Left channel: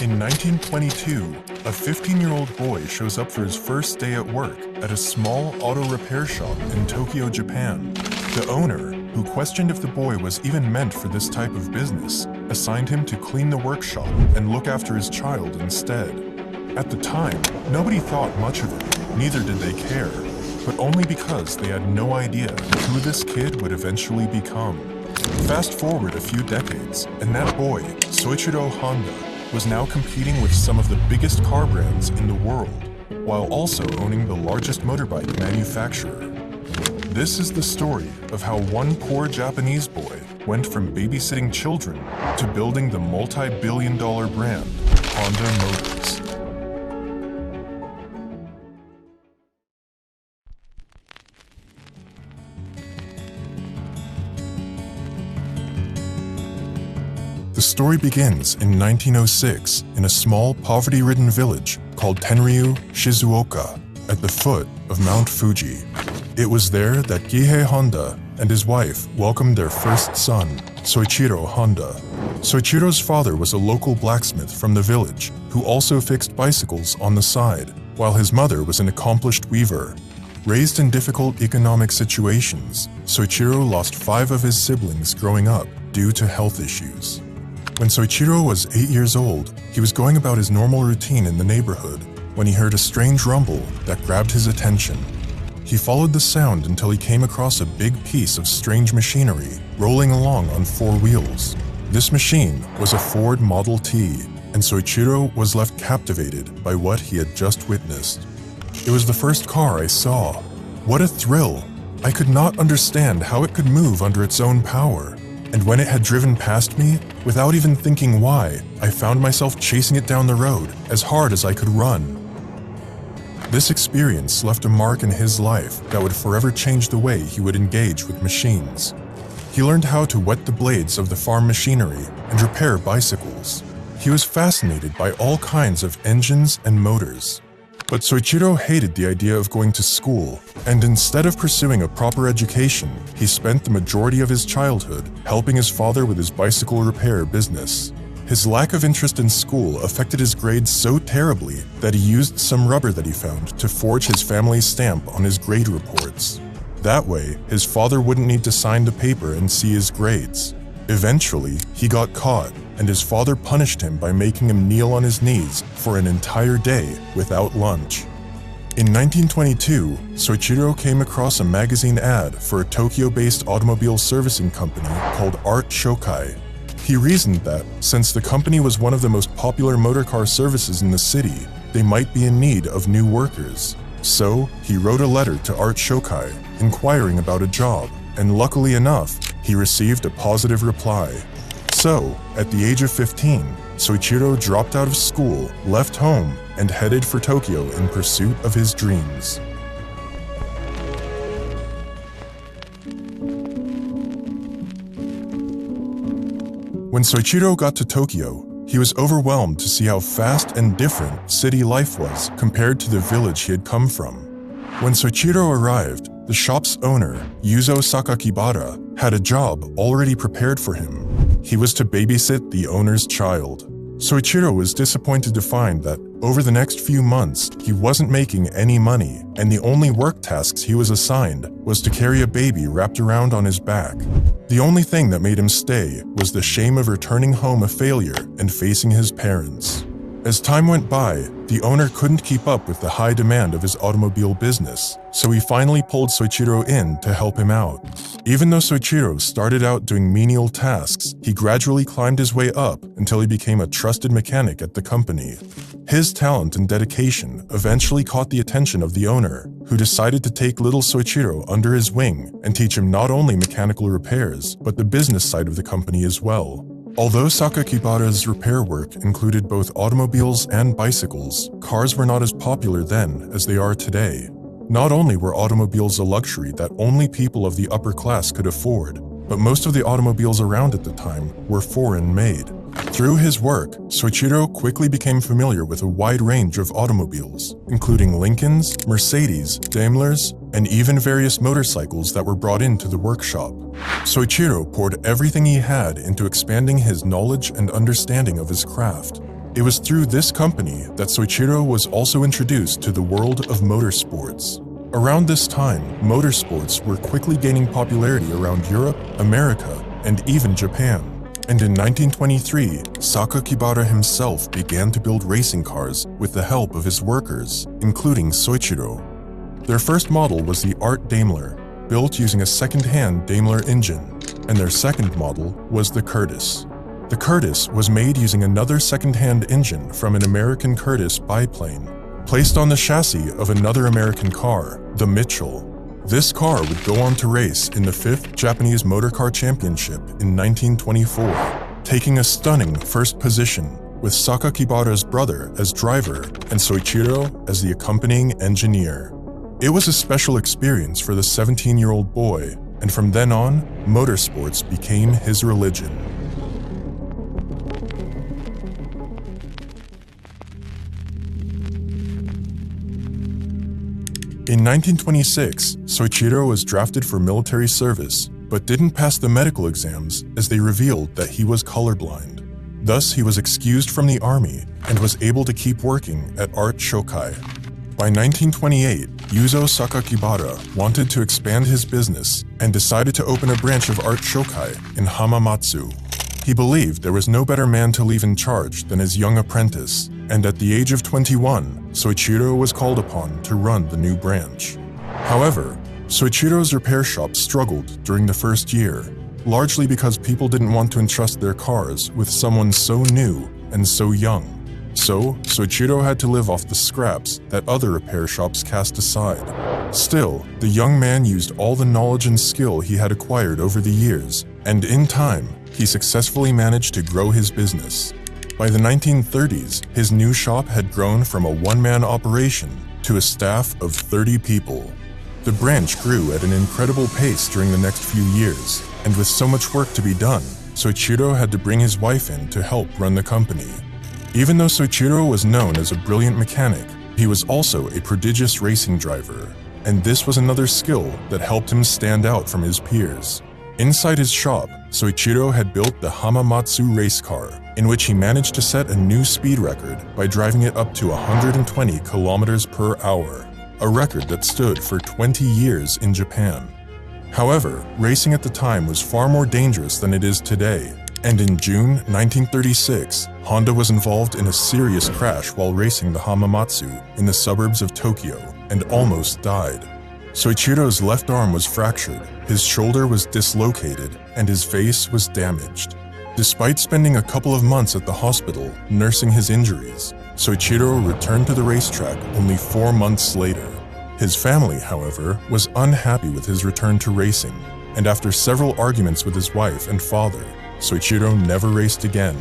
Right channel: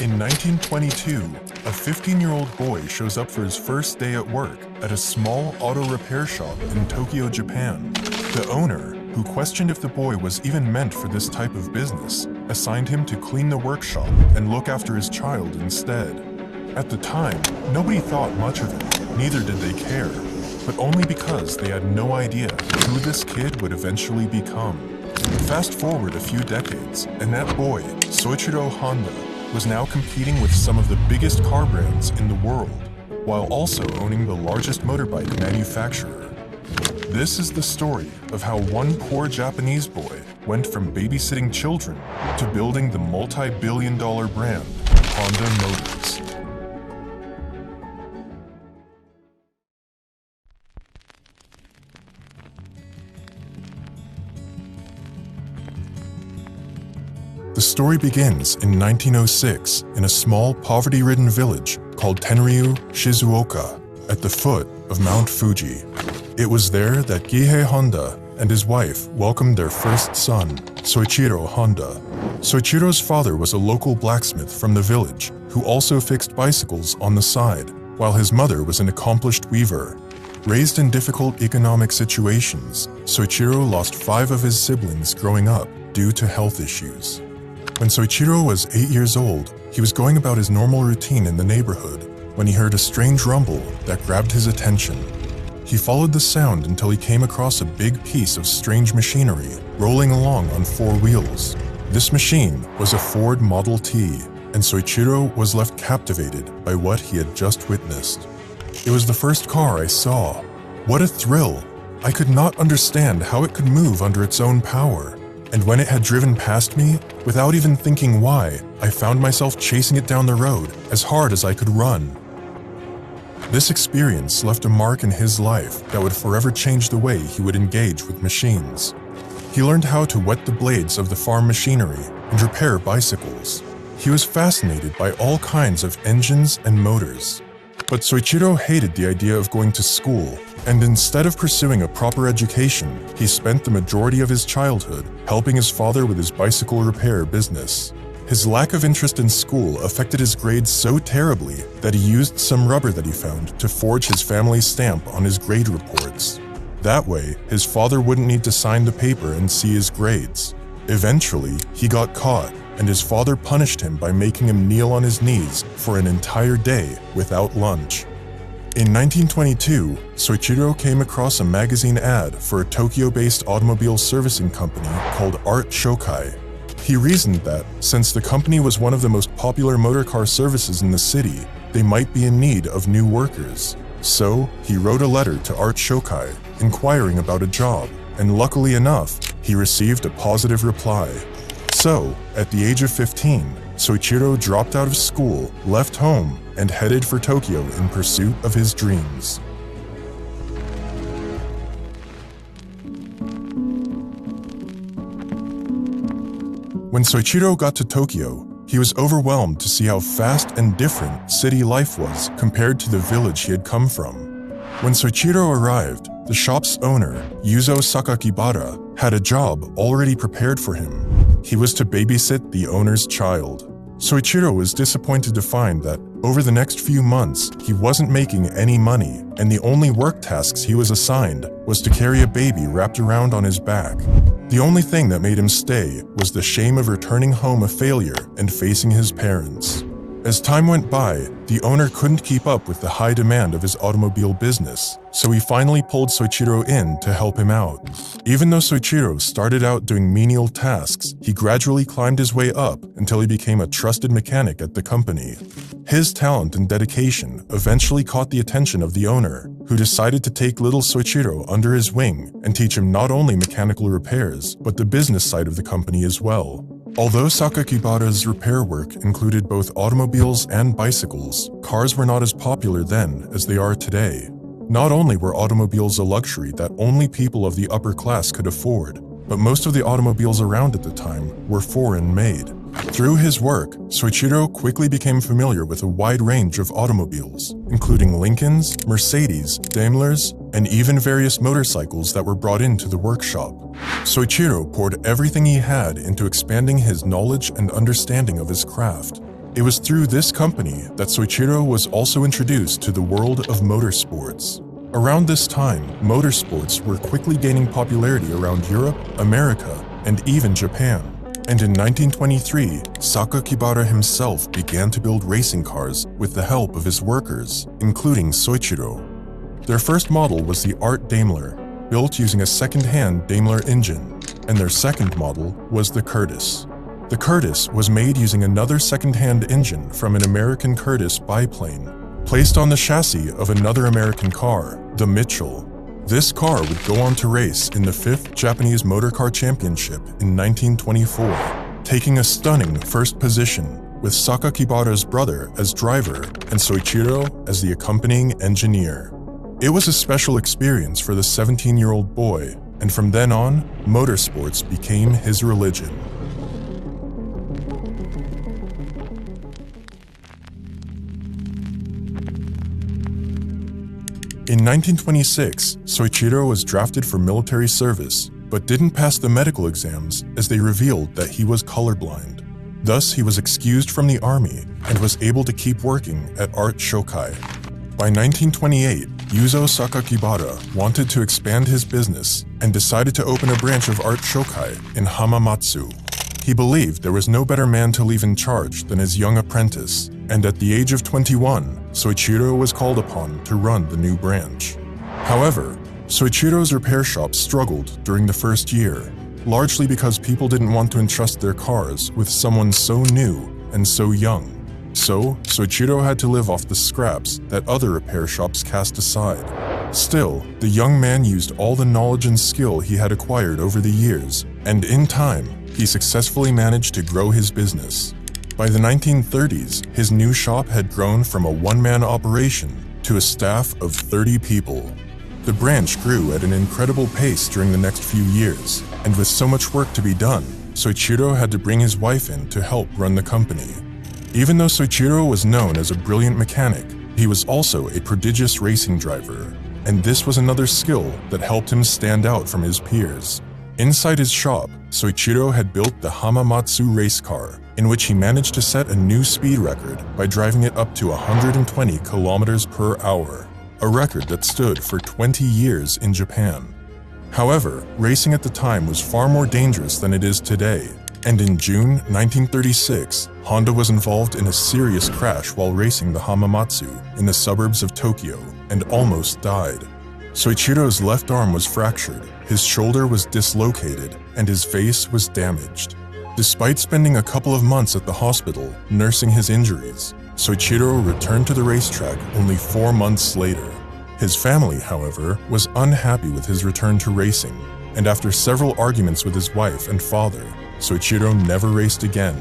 In 1922, a 15-year-old boy shows up for his first day at work at a small auto repair shop in Tokyo, Japan. The owner, who questioned if the boy was even meant for this type of business, assigned him to clean the workshop and look after his child instead. At the time, nobody thought much of it, neither did they care, but only because they had no idea who this kid would eventually become. Fast forward a few decades, and that boy, Soichiro Honda, was now competing with some of the biggest car brands in the world, while also owning the largest motorbike manufacturer. This is the story of how one poor Japanese boy went from babysitting children to building the multi-billion-dollar brand Honda Motors. The story begins in 1906 in a small, poverty-ridden village called Tenryu, Shizuoka, at the foot of Mount Fuji. It was there that Gihei Honda and his wife welcomed their first son, Soichiro Honda. Soichiro's father was a local blacksmith from the village who also fixed bicycles on the side, while his mother was an accomplished weaver. Raised in difficult economic situations, Soichiro lost 5 of his siblings growing up due to health issues. When Soichiro was 8 years old, he was going about his normal routine in the neighborhood when he heard a strange rumble that grabbed his attention. He followed the sound until he came across a big piece of strange machinery rolling along on 4 wheels. This machine was a Ford Model T, and Soichiro was left captivated by what he had just witnessed. It was the first car I saw. What a thrill! I could not understand how it could move under its own power. And when it had driven past me, without even thinking why, I found myself chasing it down the road as hard as I could run. This experience left a mark in his life that would forever change the way he would engage with machines. He learned how to wet the blades of the farm machinery and repair bicycles. He was fascinated by all kinds of engines and motors. But Soichiro hated the idea of going to school, and instead of pursuing a proper education, he spent the majority of his childhood helping his father with his bicycle repair business. His lack of interest in school affected his grades so terribly that he used some rubber that he found to forge his family's stamp on his grade reports. That way, his father wouldn't need to sign the paper and see his grades. Eventually, he got caught, and his father punished him by making him kneel on his knees for an entire day without lunch. In 1922, Soichiro came across a magazine ad for a Tokyo-based automobile servicing company called Art Shokai. He reasoned that, since the company was one of the most popular motorcar services in the city, they might be in need of new workers. So, he wrote a letter to Art Shokai inquiring about a job, and luckily enough, he received a positive reply. So, at the age of 15, Soichiro dropped out of school, left home, and headed for Tokyo in pursuit of his dreams. When Soichiro got to Tokyo, he was overwhelmed to see how fast and different city life was compared to the village he had come from. When Soichiro arrived, the shop's owner, Yuzo Sakakibara, had a job already prepared for him. He was to babysit the owner's child. Soichiro was disappointed to find that over the next few months, he wasn't making any money, and the only work tasks he was assigned was to carry a baby wrapped around on his back. The only thing that made him stay was the shame of returning home a failure and facing his parents. As time went by, the owner couldn't keep up with the high demand of his automobile business, so he finally pulled Soichiro in to help him out. Even though Soichiro started out doing menial tasks, he gradually climbed his way up until he became a trusted mechanic at the company. His talent and dedication eventually caught the attention of the owner, who decided to take little Soichiro under his wing and teach him not only mechanical repairs, but the business side of the company as well. Although Sakakibara's repair work included both automobiles and bicycles, cars were not as popular then as they are today. Not only were automobiles a luxury that only people of the upper class could afford, but most of the automobiles around at the time were foreign-made. Through his work, Soichiro quickly became familiar with a wide range of automobiles, including Lincolns, Mercedes, Daimlers, and even various motorcycles that were brought into the workshop. Soichiro poured everything he had into expanding his knowledge and understanding of his craft. It was through this company that Soichiro was also introduced to the world of motorsports. Around this time, motorsports were quickly gaining popularity around Europe, America, and even Japan. And in 1923, Sakakibara himself began to build racing cars with the help of his workers, including Soichiro. Their first model was the Art Daimler, built using a second-hand Daimler engine, and their second model was the Curtiss. The Curtiss was made using another second-hand engine from an American Curtiss biplane, placed on the chassis of another American car, the Mitchell. This car would go on to race in the 5th Japanese Motor Car Championship in 1924, taking a stunning first position with Sakakibara's brother as driver and Soichiro as the accompanying engineer. It was a special experience for the 17-year-old boy, and from then on, motorsports became his religion. In 1926, Soichiro was drafted for military service, but didn't pass the medical exams as they revealed that he was colorblind. Thus, he was excused from the army and was able to keep working at Art Shokai. By 1928, Yuzo Sakakibara wanted to expand his business and decided to open a branch of Art Shokai in Hamamatsu. He believed there was no better man to leave in charge than his young apprentice, and at the age of 21, Soichiro was called upon to run the new branch. However, Soichiro's repair shop struggled during the first year, largely because people didn't want to entrust their cars with someone so new and so young. So, Soichiro had to live off the scraps that other repair shops cast aside. Still, the young man used all the knowledge and skill he had acquired over the years, and in time, he successfully managed to grow his business. By the 1930s, his new shop had grown from a one-man operation to a staff of 30 people. The branch grew at an incredible pace during the next few years, and with so much work to be done, Soichiro had to bring his wife in to help run the company. Even though Soichiro was known as a brilliant mechanic, he was also a prodigious racing driver, and this was another skill that helped him stand out from his peers. Inside his shop, Soichiro had built the Hamamatsu race car, in which he managed to set a new speed record by driving it up to 120 kilometers per hour, a record that stood for 20 years in Japan. However, racing at the time was far more dangerous than it is today, and in June 1936, Honda was involved in a serious crash while racing the Hamamatsu in the suburbs of Tokyo and almost died. Soichiro's left arm was fractured, his shoulder was dislocated, and his face was damaged. Despite spending a couple of months at the hospital nursing his injuries, Soichiro returned to the racetrack only 4 months later. His family, however, was unhappy with his return to racing, and after several arguments with his wife and father, Soichiro never raced again.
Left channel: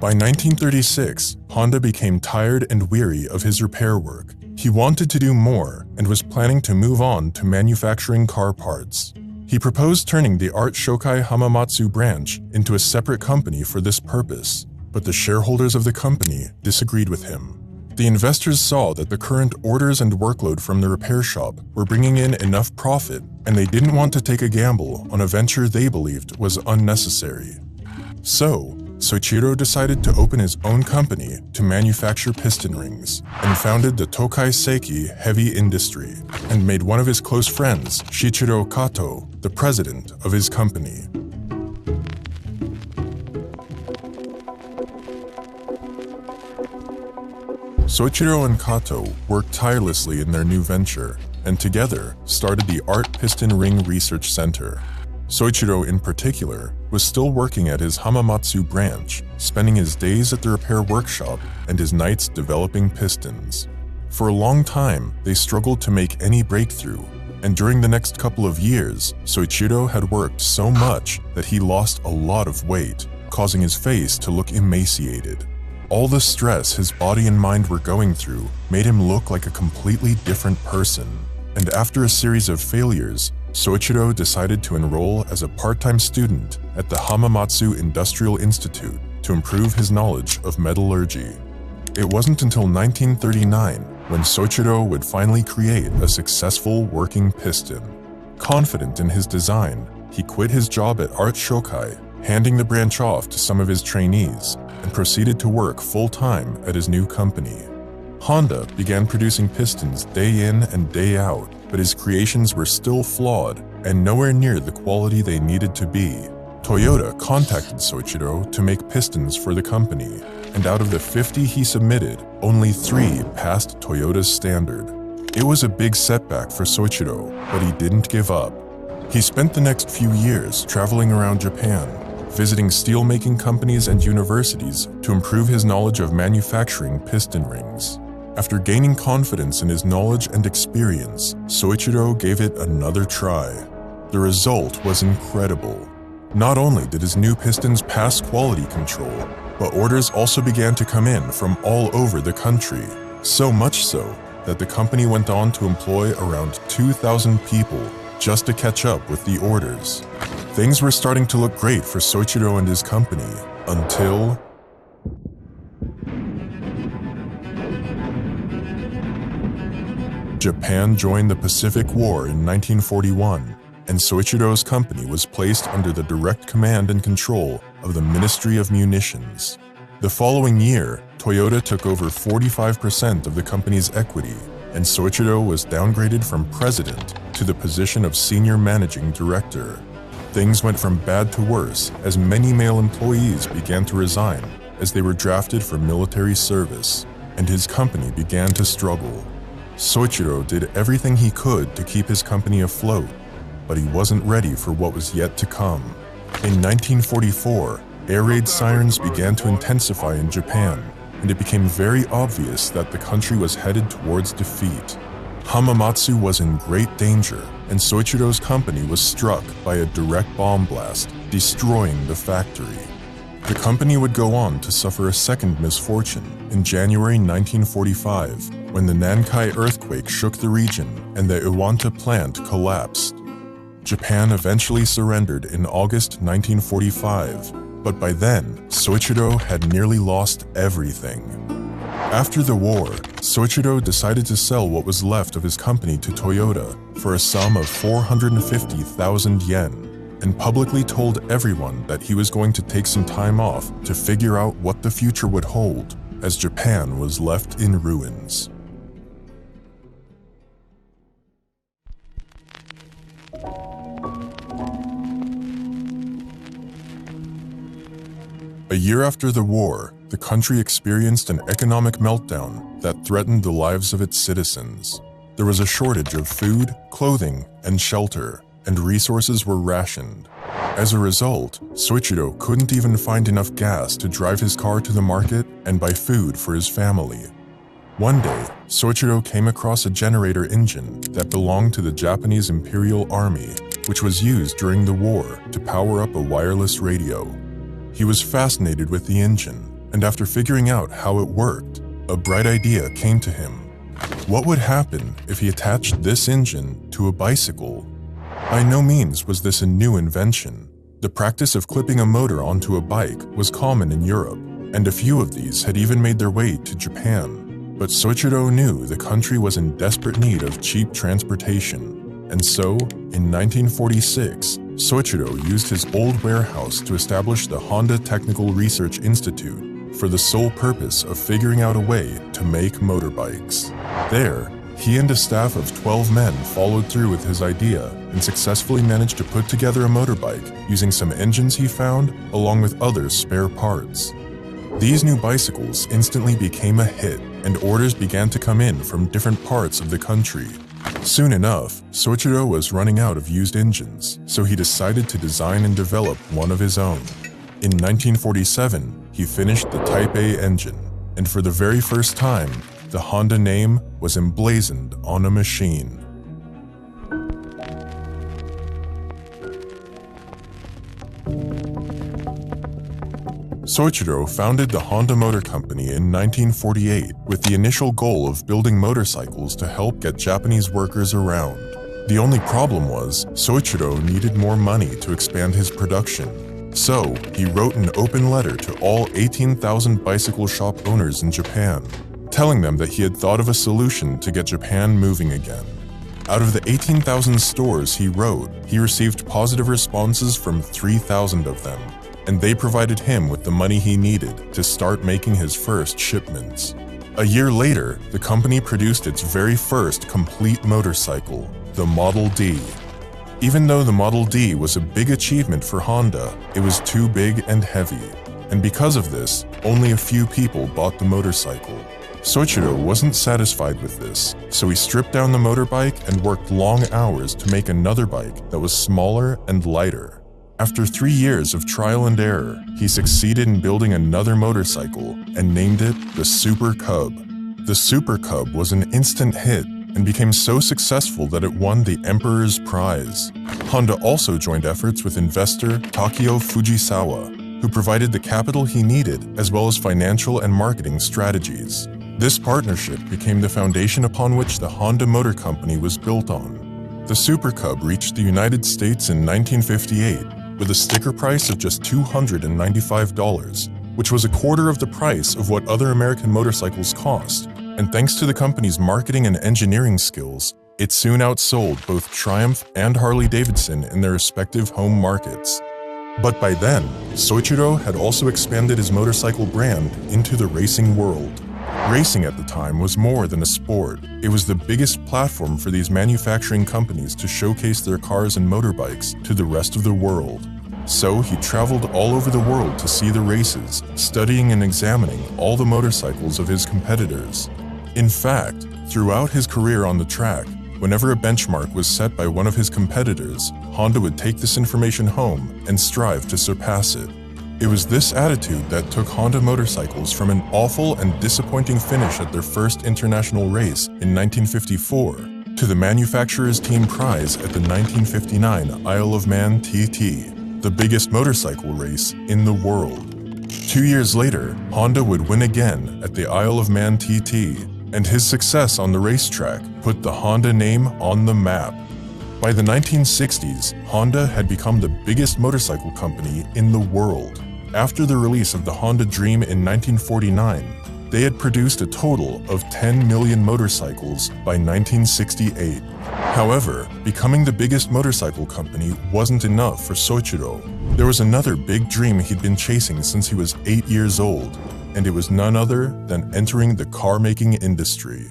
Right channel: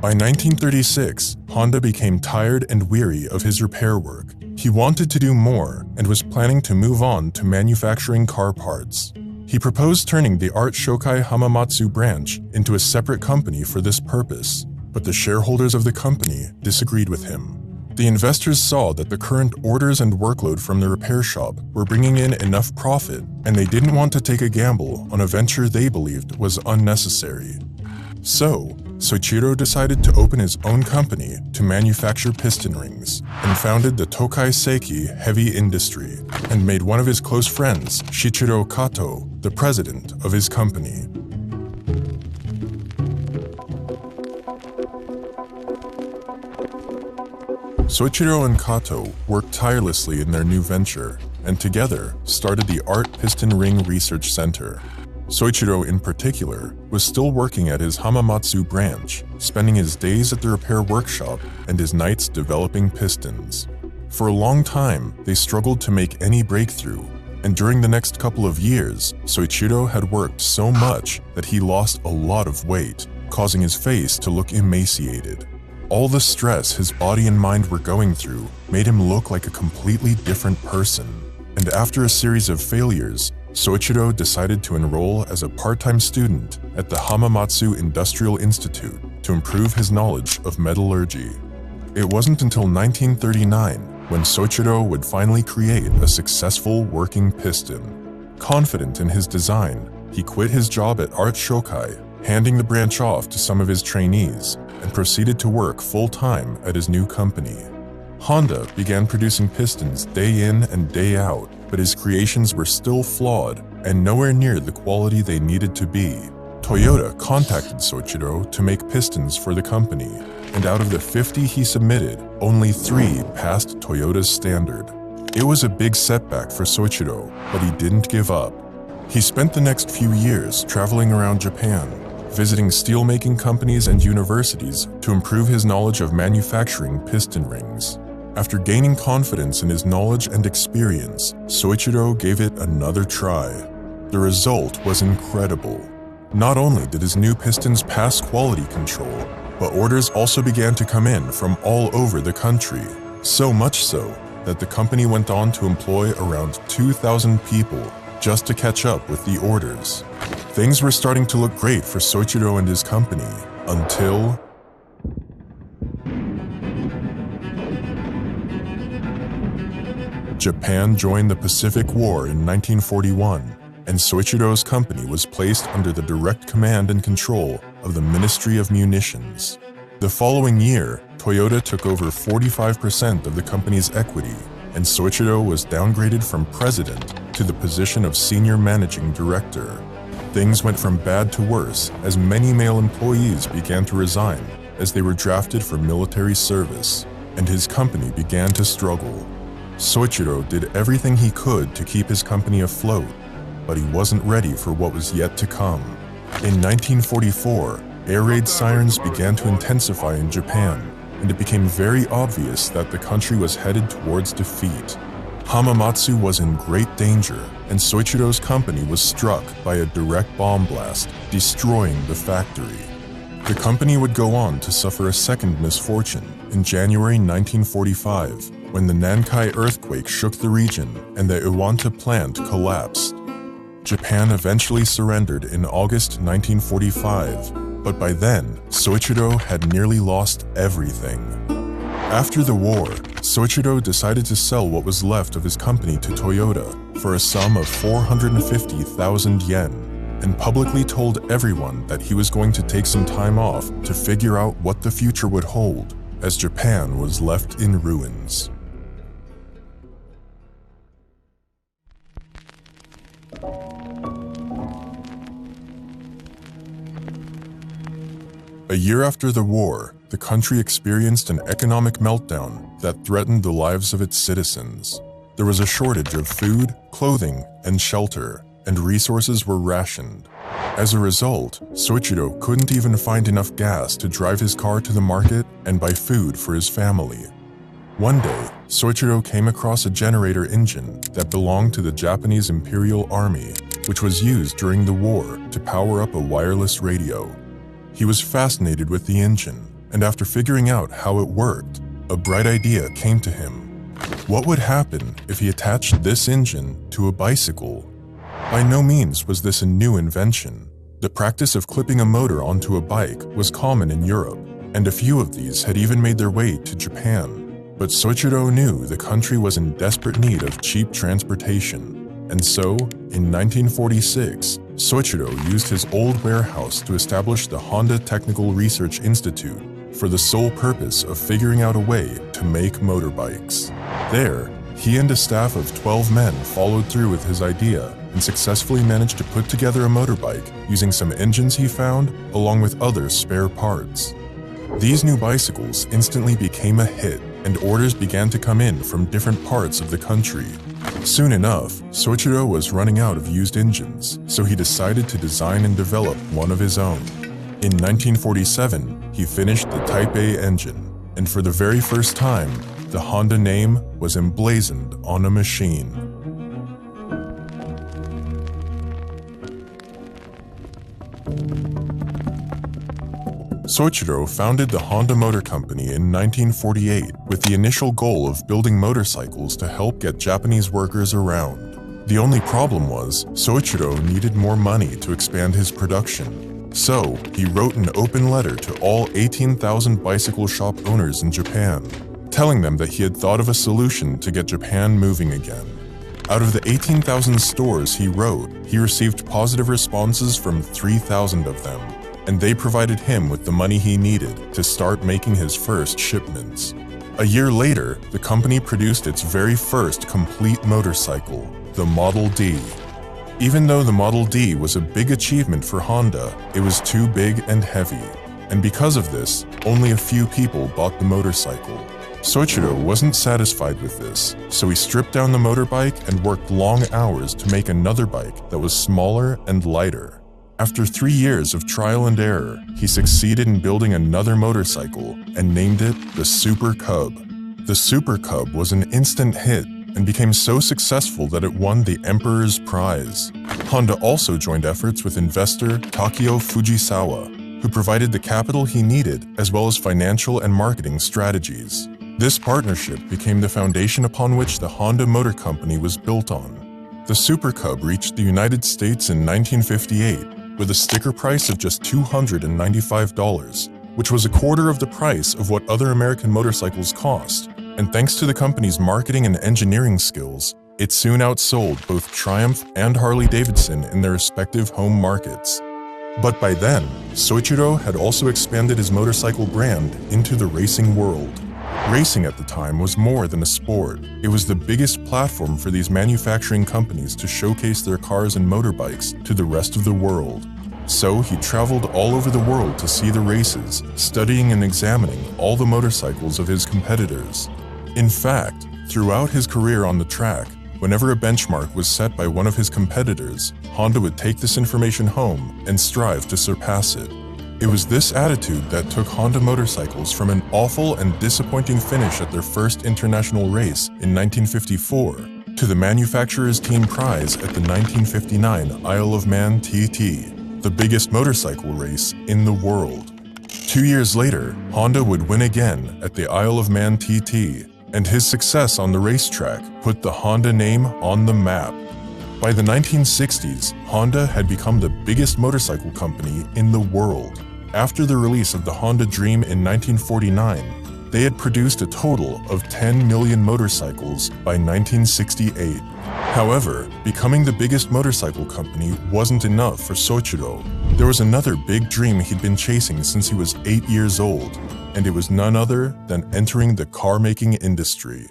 By 1936, Honda became tired and weary of his repair work. He wanted to do more and was planning to move on to manufacturing car parts. He proposed turning the Art Shokai Hamamatsu branch into a separate company for this purpose, but the shareholders of the company disagreed with him. The investors saw that the current orders and workload from the repair shop were bringing in enough profit, and they didn't want to take a gamble on a venture they believed was unnecessary. So, Soichiro decided to open his own company to manufacture piston rings, and founded the Tokai Seiki Heavy Industry, and made one of his close friends, Shichiro Kato, the president of his company. Soichiro and Kato worked tirelessly in their new venture, and together started the Art Piston Ring Research Center. Soichiro, in particular, was still working at his Hamamatsu branch, spending his days at the repair workshop and his nights developing pistons. For a long time, they struggled to make any breakthrough, and during the next couple of years, Soichiro had worked so much that he lost a lot of weight, causing his face to look emaciated. All the stress his body and mind were going through made him look like a completely different person, and after a series of failures, Soichiro decided to enroll as a part-time student at the Hamamatsu Industrial Institute to improve his knowledge of metallurgy. It wasn't until 1939 when Soichiro would finally create a successful working piston. Confident in his design, he quit his job at Art Shokai, handing the branch off to some of his trainees, and proceeded to work full-time at his new company. Honda began producing pistons day in and day out, but his creations were still flawed and nowhere near the quality they needed to be. Toyota contacted Soichiro to make pistons for the company, and out of the 50 he submitted, only 3 passed Toyota's standard. It was a big setback for Soichiro, but he didn't give up. He spent the next few years traveling around Japan, visiting steelmaking companies and universities to improve his knowledge of manufacturing piston rings. After gaining confidence in his knowledge and experience, Soichiro gave it another try. The result was incredible. Not only did his new pistons pass quality control, but orders also began to come in from all over the country. So much so that the company went on to employ around 2,000 people just to catch up with the orders. Things were starting to look great for Soichiro and his company, until Japan joined the Pacific War in 1941, and Soichiro's company was placed under the direct command and control of the Ministry of Munitions. The following year, Toyota took over 45% of the company's equity, and Soichiro was downgraded from president to the position of senior managing director. Things went from bad to worse as many male employees began to resign as they were drafted for military service, and his company began to struggle. Soichiro did everything he could to keep his company afloat, but he wasn't ready for what was yet to come. In 1944, air raid sirens began to intensify in Japan, and it became very obvious that the country was headed towards defeat. Hamamatsu was in great danger, and Soichiro's company was struck by a direct bomb blast, destroying the factory. The company would go on to suffer a second misfortune in January 1945, when the Nankai earthquake shook the region and the Iwanta plant collapsed. Japan eventually surrendered in August 1945, but by then, Soichiro had nearly lost everything. After the war, Soichiro decided to sell what was left of his company to Toyota for a sum of 450,000 yen, and publicly told everyone that he was going to take some time off to figure out what the future would hold, as Japan was left in ruins. A year after the war, the country experienced an economic meltdown that threatened the lives of its citizens. There was a shortage of food, clothing, and shelter, and resources were rationed. As a result, Soichiro couldn't even find enough gas to drive his car to the market and buy food for his family. One day, Soichiro came across a generator engine that belonged to the Japanese Imperial Army, which was used during the war to power up a wireless radio. He was fascinated with the engine, and after figuring out how it worked, a bright idea came to him. What would happen if he attached this engine to a bicycle? By no means was this a new invention. The practice of clipping a motor onto a bike was common in Europe, and a few of these had even made their way to Japan. But Soichiro knew the country was in desperate need of cheap transportation, and so, in 1946, Soichiro used his old warehouse to establish the Honda Technical Research Institute for the sole purpose of figuring out a way to make motorbikes. There, he and a staff of 12 men followed through with his idea and successfully managed to put together a motorbike using some engines he found along with other spare parts. These new bicycles instantly became a hit, and orders began to come in from different parts of the country. Soon enough, Soichiro was running out of used engines, so he decided to design and develop one of his own. In 1947, he finished the Type A engine, and for the very first time, the Honda name was emblazoned on a machine. Soichiro founded the Honda Motor Company in 1948 with the initial goal of building motorcycles to help get Japanese workers around. The only problem was Soichiro needed more money to expand his production. So, he wrote an open letter to all 18,000 bicycle shop owners in Japan, telling them that he had thought of a solution to get Japan moving again. Out of the 18,000 stores he wrote, he received positive responses from 3,000 of them. and they provided him with the money he needed to start making his first shipments. A year later, the company produced its very first complete motorcycle, the Model D. Even though the Model D was a big achievement for Honda, it was too big and heavy. And because of this, only a few people bought the motorcycle. Soichiro wasn't satisfied with this, so he stripped down the motorbike and worked long hours to make another bike that was smaller and lighter. After 3 years of trial and error, he succeeded in building another motorcycle and named it the Super Cub. The Super Cub was an instant hit and became so successful that it won the Emperor's Prize. Honda also joined efforts with investor Takeo Fujisawa, who provided the capital he needed as well as financial and marketing strategies. This partnership became the foundation upon which the Honda Motor Company was built on. The Super Cub reached the United States in 1958 with a sticker price of just $295, which was a quarter of the price of what other American motorcycles cost. And thanks to the company's marketing and engineering skills, it soon outsold both Triumph and Harley-Davidson in their respective home markets. But by then, Soichiro had also expanded his motorcycle brand into the racing world. Racing at the time was more than a sport. It was the biggest platform for these manufacturing companies to showcase their cars and motorbikes to the rest of the world. So he traveled all over the world to see the races, studying and examining all the motorcycles of his competitors. In fact, throughout his career on the track, whenever a benchmark was set by one of his competitors, Honda would take this information home and strive to surpass it. It was this attitude that took Honda motorcycles from an awful and disappointing finish at their first international race in 1954 to the manufacturer's team prize at the 1959 Isle of Man TT, the biggest motorcycle race in the world. 2 years later, Honda would win again at the Isle of Man TT, and his success on the racetrack put the Honda name on the map. By the 1960s, Honda had become the biggest motorcycle company in the world. After the release of the Honda Dream in 1949, they had produced a total of 10 million motorcycles by 1968. However, becoming the biggest motorcycle company wasn't enough for Soichiro. There was another big dream he'd been chasing since he was 8 years old, and it was none other than entering the car-making industry.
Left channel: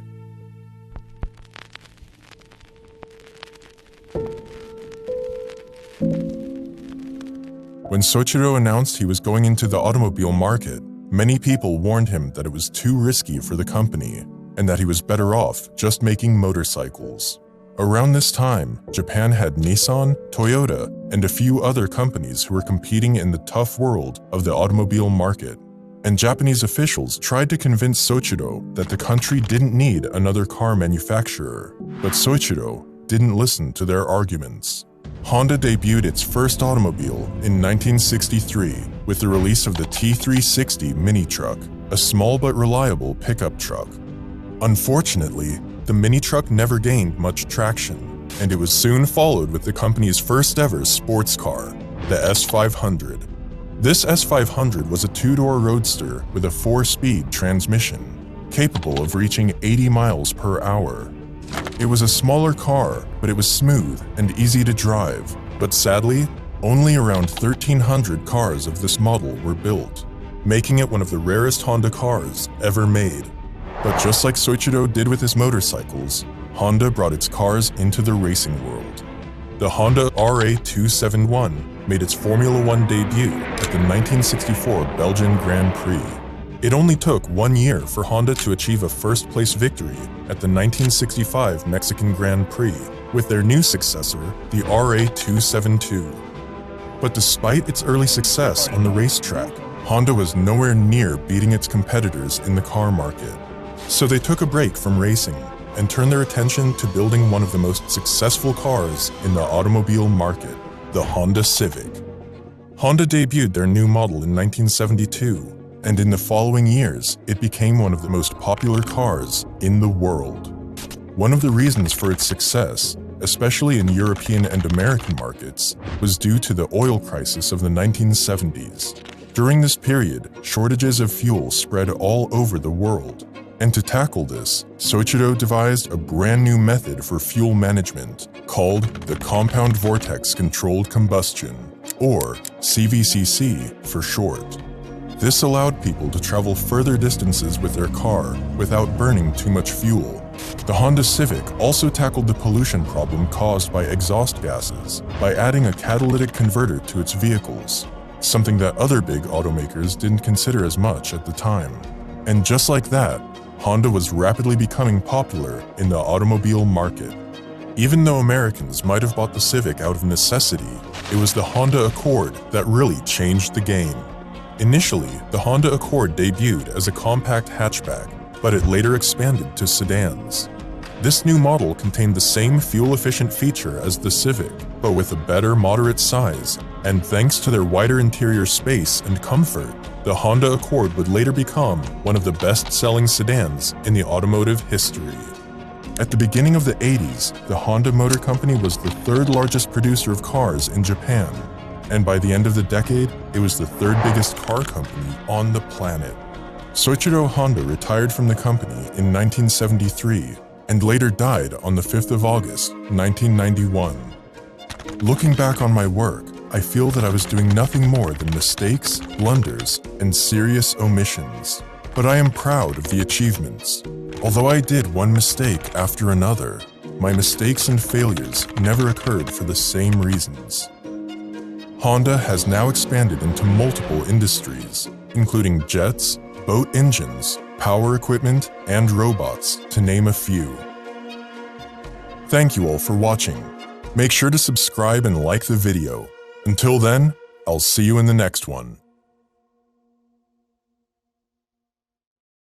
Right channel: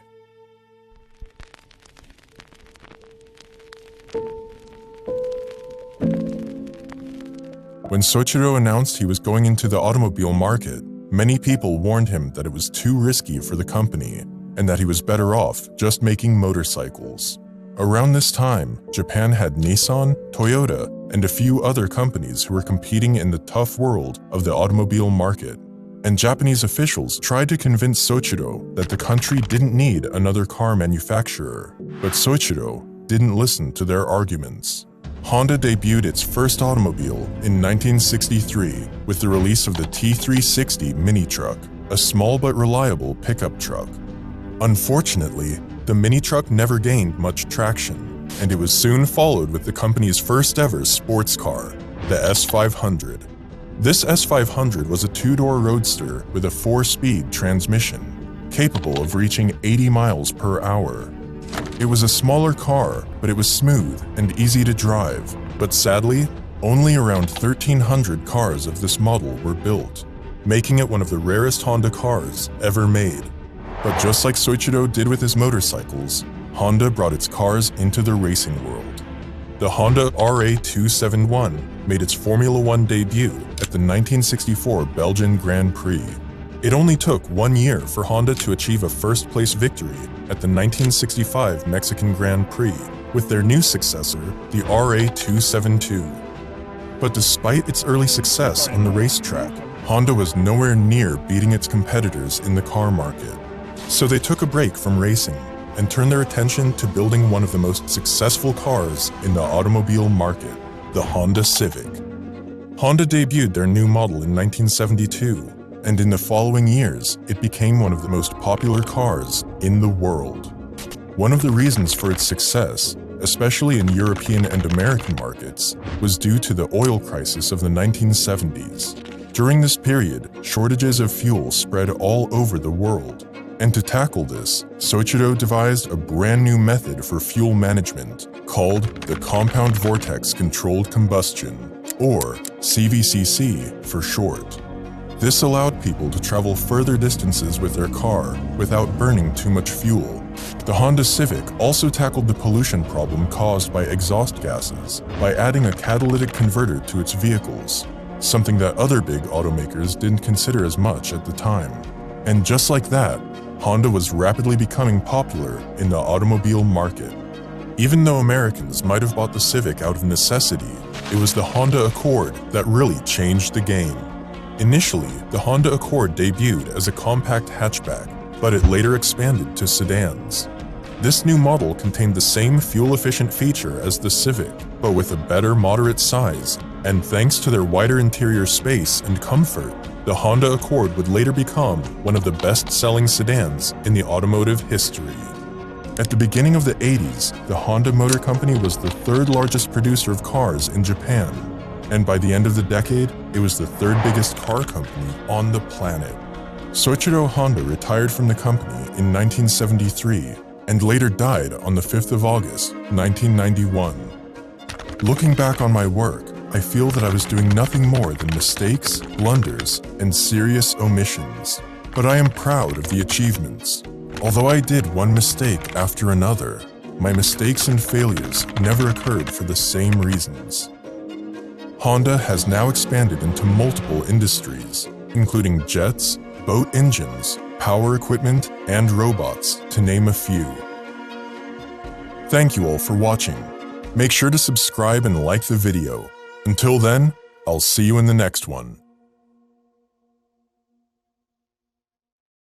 When Soichiro announced he was going into the automobile market, many people warned him that it was too risky for the company and that he was better off just making motorcycles. Around this time, Japan had Nissan, Toyota, and a few other companies who were competing in the tough world of the automobile market. And Japanese officials tried to convince Soichiro that the country didn't need another car manufacturer. But Soichiro didn't listen to their arguments. Honda debuted its first automobile in 1963 with the release of the T360 mini truck, a small but reliable pickup truck. Unfortunately, the mini truck never gained much traction, and it was soon followed with the company's first ever sports car, the S500. This S500 was a two-door roadster with a 4-speed transmission, capable of reaching 80 miles per hour. It was a smaller car, but it was smooth and easy to drive. But sadly, only around 1,300 cars of this model were built, making it one of the rarest Honda cars ever made. But just like Soichiro did with his motorcycles, Honda brought its cars into the racing world. The Honda RA271 made its Formula One debut at the 1964 Belgian Grand Prix. It only took 1 year for Honda to achieve a first-place victory at the 1965 Mexican Grand Prix with their new successor, the RA272. But despite its early success on the racetrack, Honda was nowhere near beating its competitors in the car market. So they took a break from racing and turned their attention to building one of the most successful cars in the automobile market, the Honda Civic. Honda debuted their new model in 1972, and in the following years, it became one of the most popular cars in the world. One of the reasons for its success, especially in European and American markets, was due to the oil crisis of the 1970s. During this period, shortages of fuel spread all over the world. And to tackle this, Soichiro devised a brand new method for fuel management called the compound vortex controlled combustion. or CVCC for short. This allowed people to travel further distances with their car without burning too much fuel. The Honda Civic also tackled the pollution problem caused by exhaust gases by adding a catalytic converter to its vehicles, something that other big automakers didn't consider as much at the time. And just like that, Honda was rapidly becoming popular in the automobile market. Even though Americans might have bought the Civic out of necessity, it was the Honda Accord that really changed the game. Initially, the Honda Accord debuted as a compact hatchback, but it later expanded to sedans. This new model contained the same fuel-efficient feature as the Civic, but with a better moderate size, and thanks to their wider interior space and comfort, the Honda Accord would later become one of the best-selling sedans in the automotive history. At the beginning of the 80s, the Honda Motor Company was the third largest producer of cars in Japan, and by the end of the decade, it was the third biggest car company on the planet. Soichiro Honda retired from the company in 1973 and later died on the 5th of August, 1991. Looking back on my work, I feel that I was doing nothing more than mistakes, blunders, and serious omissions. But I am proud of the achievements. Although I did one mistake after another, my mistakes and failures never occurred for the same reasons. Honda has now expanded into multiple industries, including jets, boat engines, power equipment, and robots, to name a few. Thank you all for watching. Make sure to subscribe and like the video. Until then, I'll see you in the next one.